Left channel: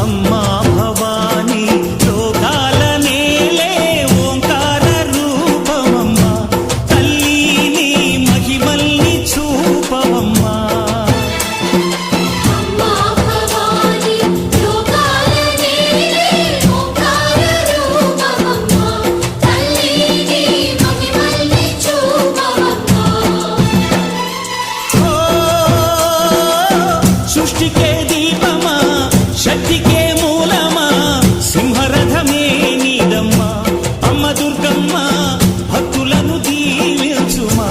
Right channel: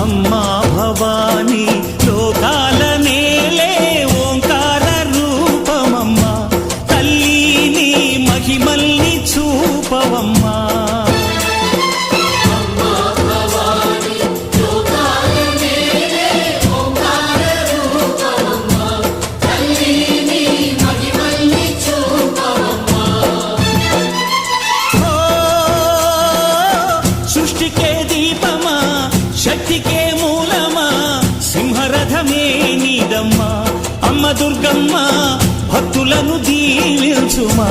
అమ్మా భవానీ లోకాల నేలే ఓంకార రూపమమ్మా, తల్లి నీ మహిమల్ని చూపవమ్మా. సృష్టికే దీపమా, శక్తికే మూలమా, సింహరథమే నీదమ్మా. అమ్మ దుర్గమ్మ భక్తులను దీవించుమా.